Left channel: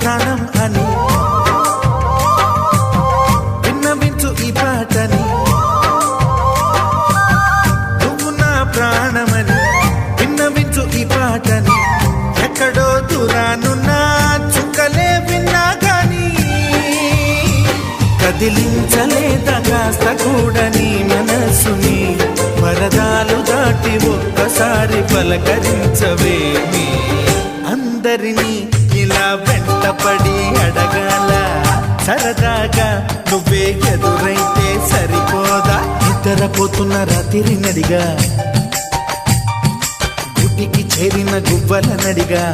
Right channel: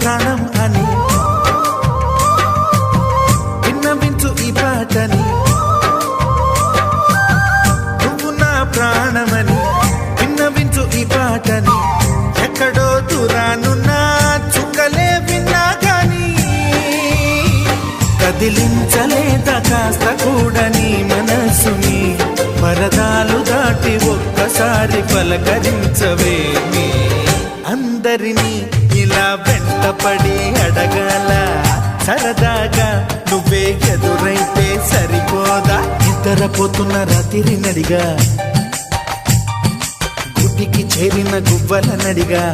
ప్రాణం అని విన్నవించు ఈ పాటని, నువ్వు నా ప్రాణమని విన్నవించు ఈ పాటని. ఎక్కడో దూరానున్నా చుక్కలే విన్నా గాని కదిలించలేదా కాస్త కూడా నీ మనసుని. పరదాలు దాటి ఒక్కసారి పలకరించవేమి. అందరినీ ఇలా వెంటపడి అడగాల సరదాగా నువ్వే ఎదురైతే సరిపోదా. నిద్రపోతున్న రాత్రి నడిగా, గుడికి చేరిన గువ్వల నడిగా,